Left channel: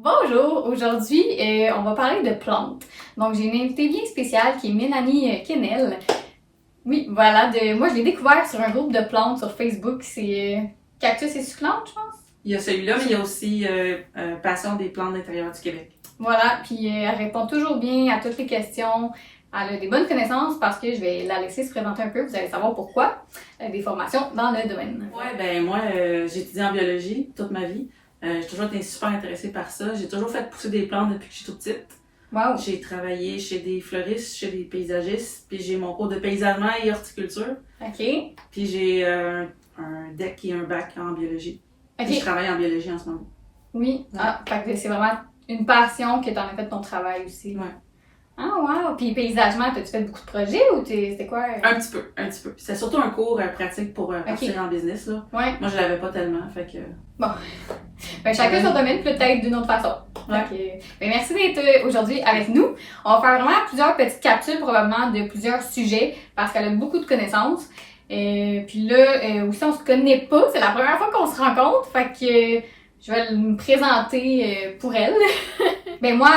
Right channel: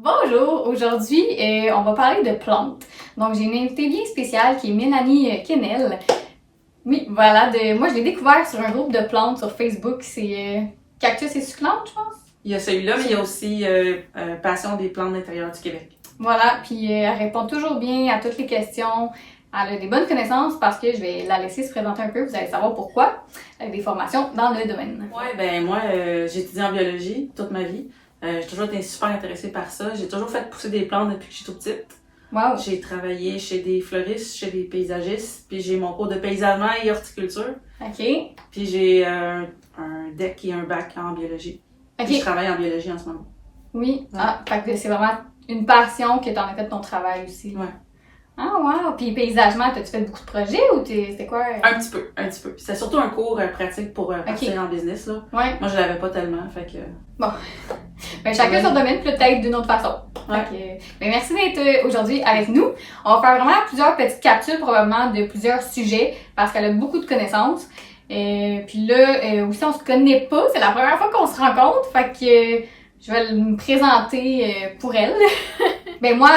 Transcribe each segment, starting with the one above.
Bonjour! Aujourd'hui, on va parler de plantes. Donc, j'ai une invitée bien spéciale qui est Mélanie Quesnel. Oui, voilà, moi je l'ai découvert sur un groupe de plantes sur Facebook. C'est Cactus et succulentes, je pense. Il y a celui-là, mais il y a aussi Passion des plantes d'intérieur du Québec. Voilà, puis elle répond toujours bien à toutes les questions. Elle a des bonnes connaissances parce que je vais la laisser se présenter un peu, vous allez savoir pourquoi. Elle a des formations dans le domaine. Ouais, ben moi, j'ai étudié en biologie toute ma vie. J'ai toujours été super intéressée par ça. J'ai toujours fait pousser des plantes depuis que je suis toute petite. Wow! J'ai travaillé chez des fleuristes, chez des paysagistes, puis j'ai mon cours de paysagement et horticulture. OK. Puis j'ai un DEC et un bac en biologie. OK. Puis je travaille en biologie en ce moment. Oui. Ouais. Ah, fait que c'est vraiment une passion que t'en as fait de ton travail aussi. Ouais. Ah, wow! Puis paysagement, t'as-tu fait beaucoup de projets ou c'était quoi? Un petit peu. C'était surtout un cours pratique pour partir en business, là. Ouais. Moi, je l'avais pas tellement, fait que... Ben, chacun son domaine, peut-être d'une autre façon. Ouais. Fait que, ben, merci d'être aujourd'hui avec nous. On va faire vraiment plusieurs petites capsules, probablement, de plusieurs sujets, parce qu'elle a beaucoup de connaissances. Puis là, aussi, on se connaît pas. C'est la première fois qu'on se rencontre. Fait que je vais me présenter pour elle. Ben moi,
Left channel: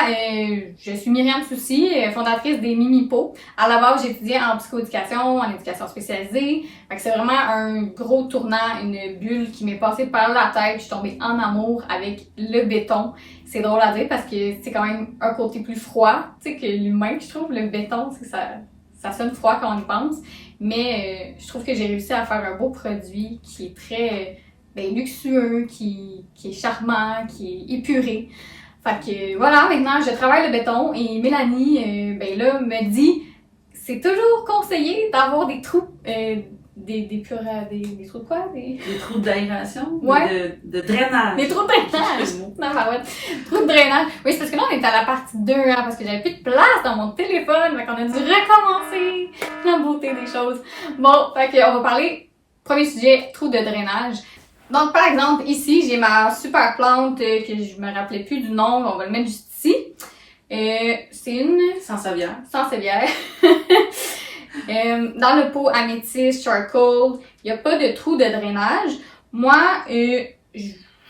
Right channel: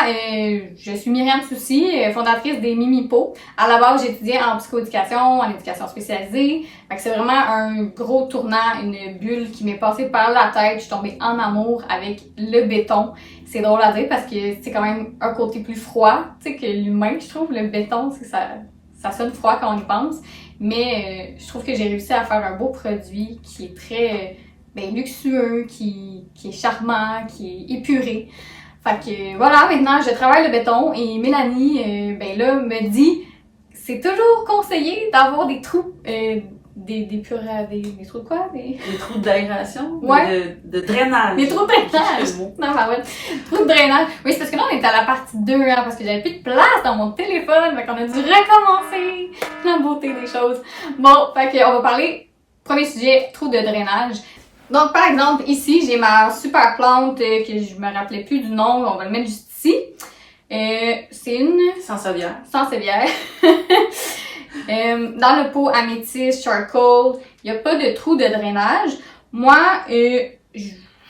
je suis Myriam Soucy, fondatrice des Mimipo. À la base, j'ai étudié en psychoéducation, en éducation spécialisée. Fait que c'est vraiment un gros tournant, une bulle qui m'est passée par la tête. Je suis tombée en amour avec le béton. C'est drôle à dire parce que c'est quand même un côté plus froid, tu sais, que l'humain, je trouve. Le béton, c'est que ça sonne froid quand on y pense. Mais je trouve que j'ai réussi à faire un beau produit qui est très luxueux, qui est charmant, qui est épuré. Fait que voilà, maintenant je travaille le béton et Mélanie, me dit c'est toujours conseillé d'avoir des trous, des trous de quoi? Des trous d'aération? Ouais. De drainage. Des trous de drainage! Non, bah ouais, trous de drainage. Oui, c'est parce que là on est à la partie 2, hein, parce que j'avais plus de place dans mon téléphone, fait qu'on a dû recommencer la beauté des choses. Bon, fait que on va parler, premier sujet, trous de drainage. Donc, par exemple, ici, j'ai ma super plante que je me rappelais plus du nom, on va le mettre juste ici. C'est une Sansevieria. Sansevieria. Dans le pot améthyste, charcoal, il n'y a pas de trou de drainage. Moi,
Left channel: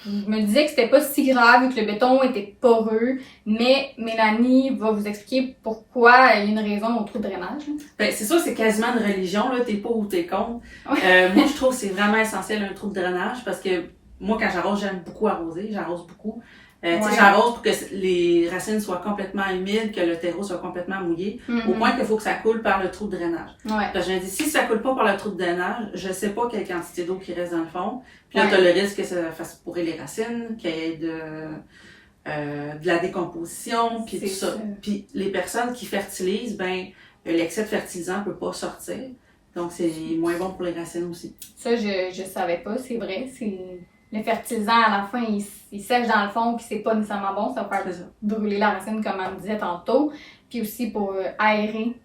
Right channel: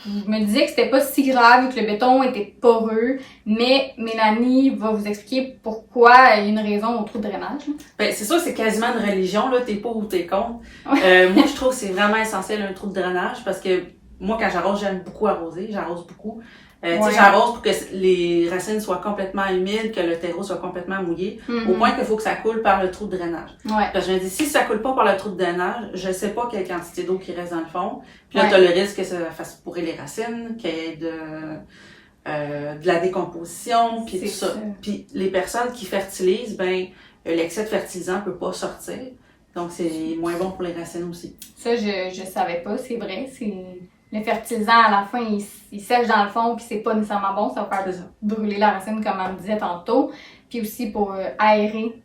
je me disais que c'était pas si grave vu que le béton était poreux, mais Mélanie va vous expliquer pourquoi il y a une raison au trou de drainage. Ben, c'est sûr que c'est quasiment une religion, là, t'es pour ou t'es contre. Moi, je trouve que c'est vraiment essentiel un trou de drainage parce que moi, quand j'arrose, j'aime beaucoup arroser, j'arrose beaucoup. Tu sais, j'arrose pour que les racines soient complètement humides, que le terreau soit complètement mouillé, au point qu'il faut que ça coule par le trou de drainage. Parce que je me dis, si ça coule pas par le trou de drainage, je sais pas quelle quantité d'eau qui reste dans le fond. Puis là, t'as le risque que ça fasse pourrir les racines, qu'il y ait de la décomposition, puis tout ça. Puis les personnes qui fertilisent, l'excès de fertilisant peut pas sortir. Donc, c'est moins bon pour les racines aussi. Ça, je savais pas, c'est vrai. Le fertilisant, à la fin, il sèche dans le fond, puis c'est pas nécessairement bon. Ça va faire brûler la racine, comme on disait tantôt. Puis aussi pour aérer.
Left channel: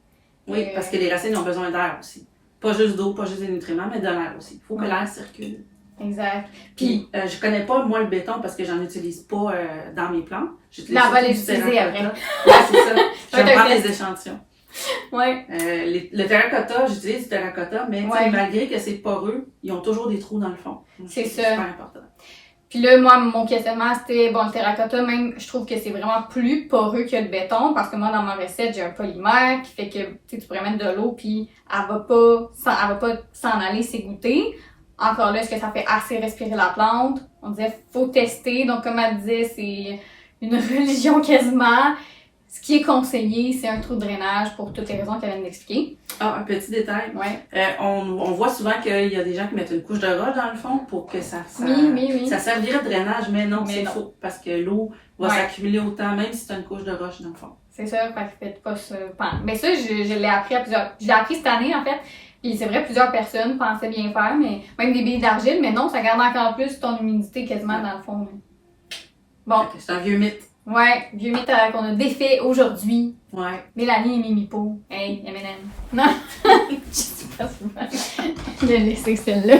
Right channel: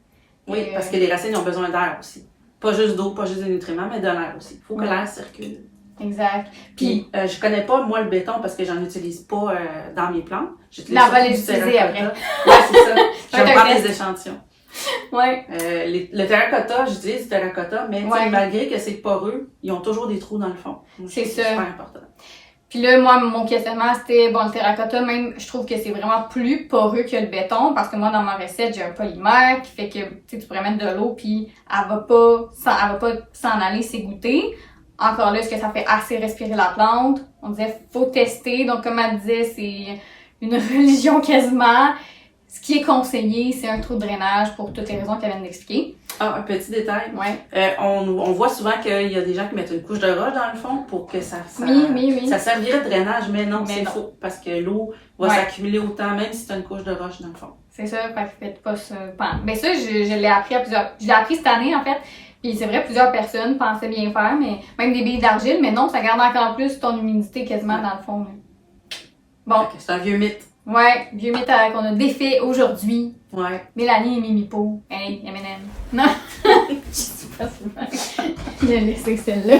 Oui, parce que les racines ont besoin d'air aussi. Pas juste d'eau, pas juste des nutriments, mais de l'air aussi. Il faut que l'air circule. Exact. Puis je connais pas, moi, le béton parce que j'en utilise pas dans mes plantes. On va les utiliser après. Ouais, c'est ça. Je vais prendre des échantillons. Ouais. Le terracotta, j'utilise du terracotta, mais malgré que c'est poreux, ils ont toujours des trous dans le fond. C'est ça. C'est super important. Puis là, moi, mon questionnement, c'était, le terracotta, même, je trouve que c'est vraiment plus poreux que le béton, parce que moi, dans ma recette, j'ai un polymère qui fait que, tu pourrais mettre de l'eau, puis elle va pas s'en aller s'égoutter. Encore là, est-ce que ça fait assez respirer la plante? On disait, faut tester. Donc, comme elle disait, c'est une religion quasiment. Ce qui est conseillé, c'est un trou de drainage pour toutes les raisons qu'elle vient d'expliquer. Ah, un petit détail. Ouais. On voit souvent qu'il y a des gens qui mettent une couche de roche dans le fond pour que ça oui. Ça servirait de drainage, mais non, c'est faux. Parce que l'eau va s'accumuler autant, même si tu as une couche de roche dans le fond. C'est ça, fait que faites pas ça. Mais ça, je l'ai appris je l'ai appris cette année, en fait. Puis c'est vrai, plusieurs personnes pensaient bien faire, mais même des billes d'argile, mais non, ça garde encore plus ton humidité quasiment dans le fond. Là. Bon. C'est un vieux mythe. Ouais, vieux mythe qu'on a défait aujourd'hui. Ouais. Mélanie et Mimipo. Hey, M&M. Non! Je sais pas si je l'ai laissé celle-là.